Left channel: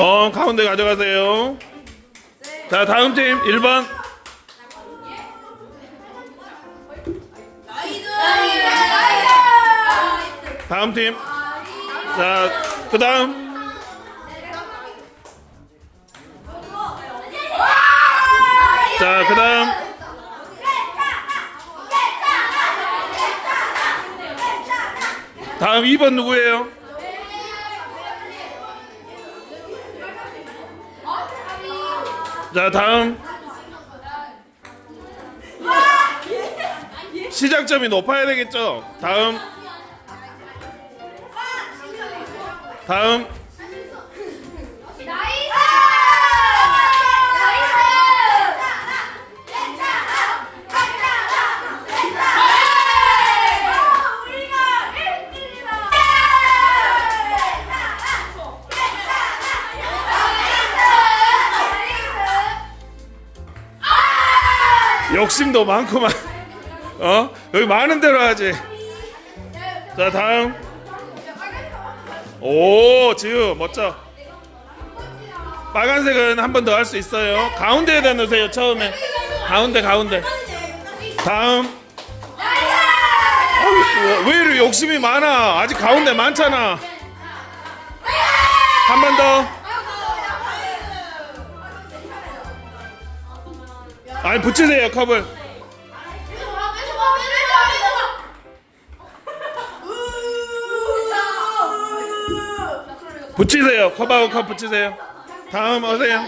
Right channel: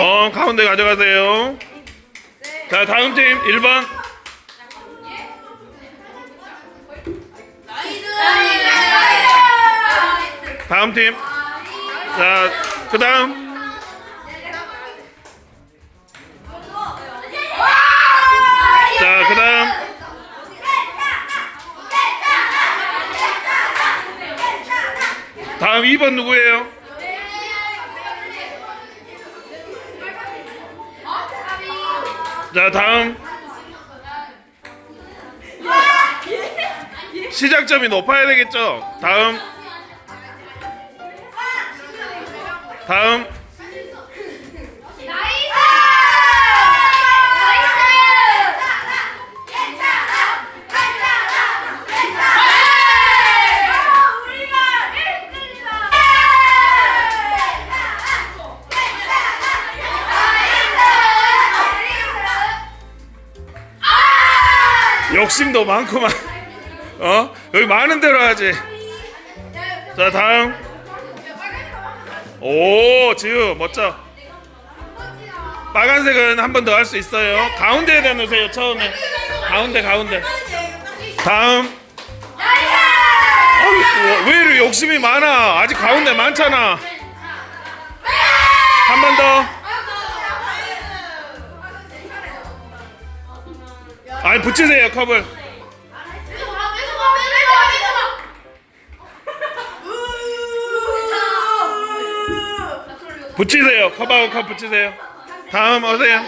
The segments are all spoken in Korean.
어 가운데 가져가세요. 자 다음 팀 1번. 다음 팀. 자 그 다음. 자 그 다음. 다음 2번 누구예요? 자 다음. 시작점이 높아야 되겠죠? 다음. 다음 욕심도 많구만. 어? 여기 많은 대로 하지. 자 다음. 오 지우 멋져. 빨간색은 한 번 더 할 수 있어요. 가운데에다 넣으세요 처음에. 가운데 가운데. 다음. 왜 이렇게 욕심이 많아? 아직 가운데 많잖아. 한 번더 아니 붙이세요 컵을. 붙이세요 컵하고 컵 붙이세요. 다음 오세요?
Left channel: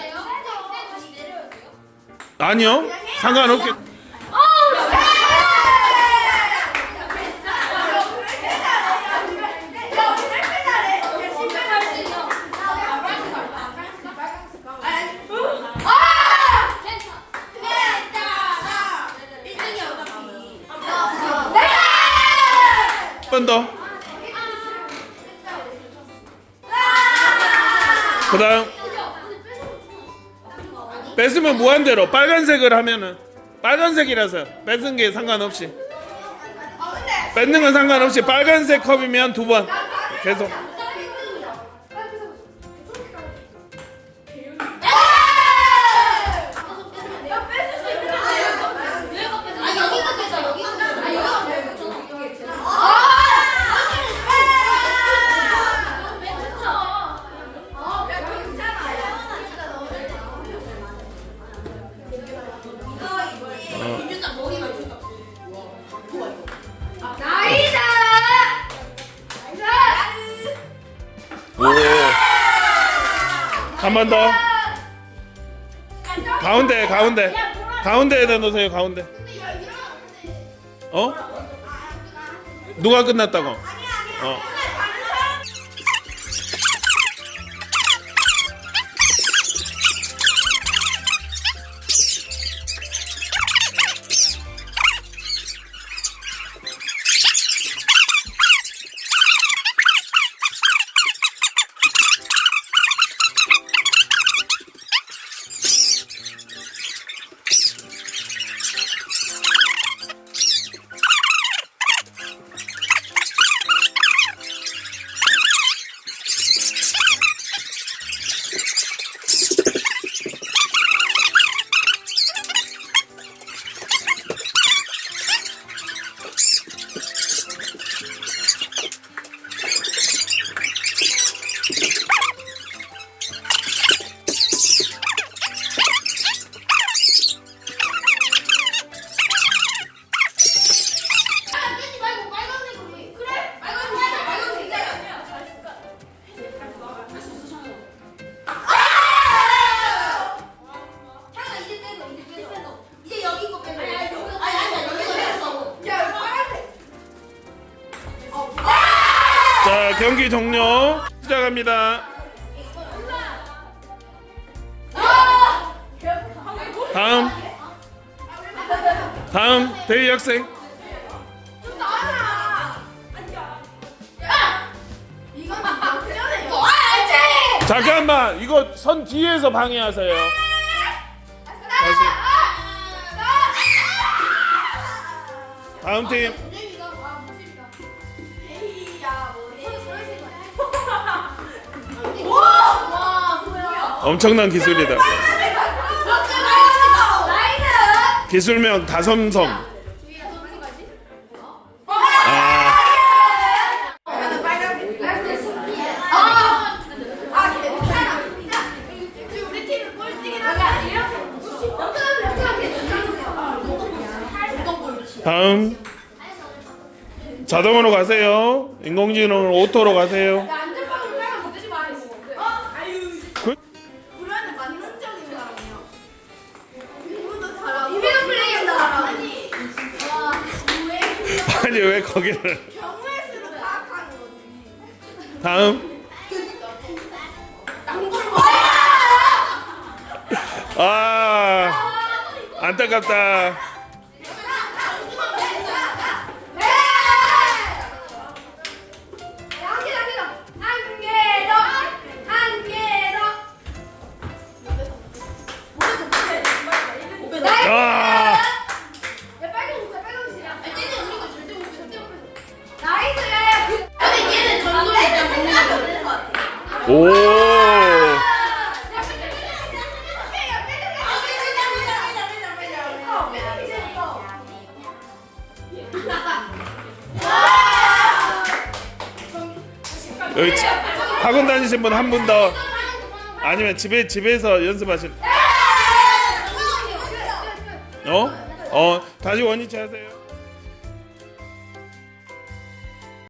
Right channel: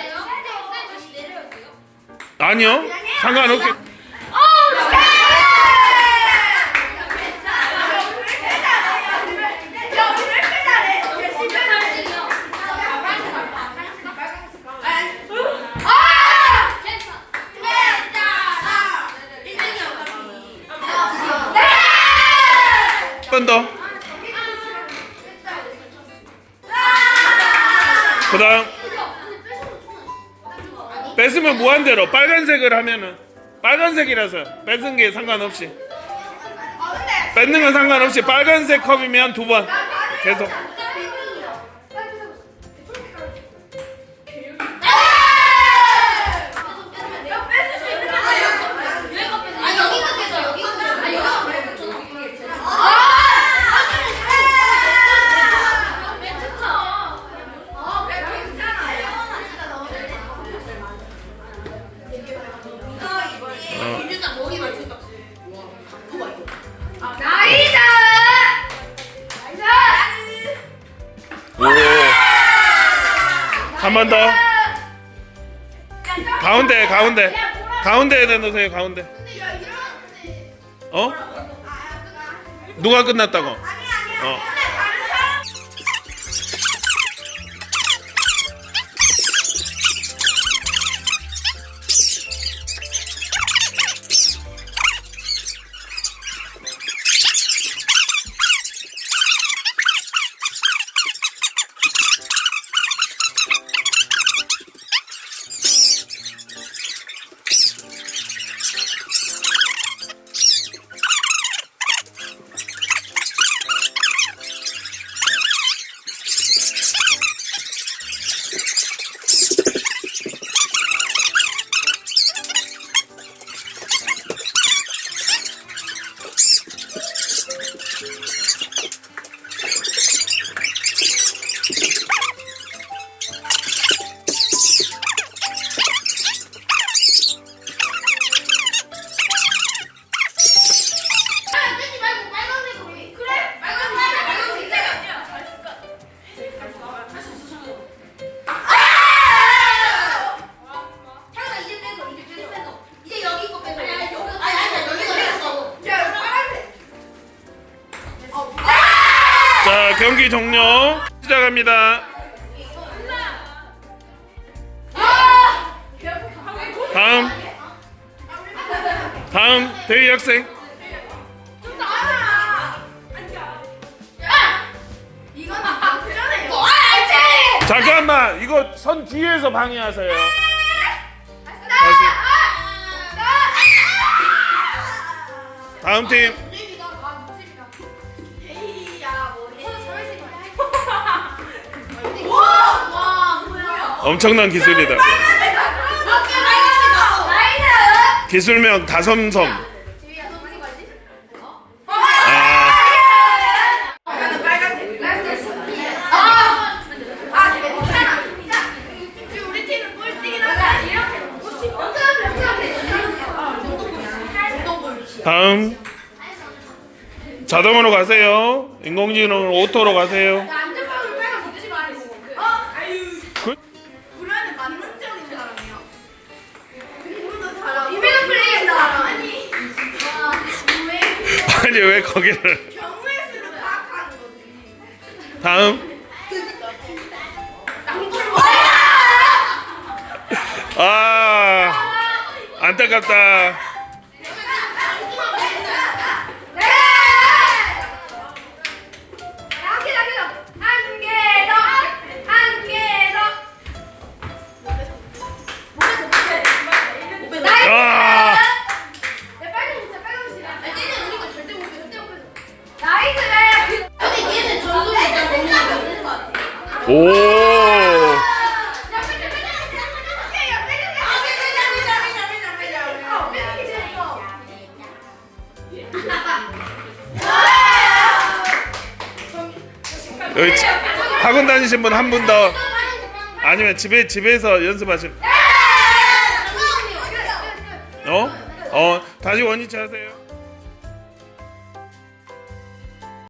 아니요 상관없게 번 더. 그 다음 뺏으면 무한대로 빨간색을 하면은 빨간색이라서 뺏은 게 상관없이. 뺏는 건 상관없이 빨간색 컵이면 두 번. 계속 한 번 더 가운데 가운데 가운데에다 넣으세요 가운데 어? 누가 끝났다고? 어. 자 경기 종료. 시작합니다. 다음. 다음 대희 학생. 잠깐만 이거 선 뒤에서 방해하세요. 다시. 다음 팀 엄청난 기술이다. 기술명 다섬섬. 아, 다음. 자동으로 가세요. 인공지능 오토로 가세요. 아니 왜 거기를? 다음. 아, 안타깝다. 커. 여기 치- 학원 다니신 분 한 분 더. 아니면 집에 집에서 연습하실. 어? 어 다시 원위치 하세요.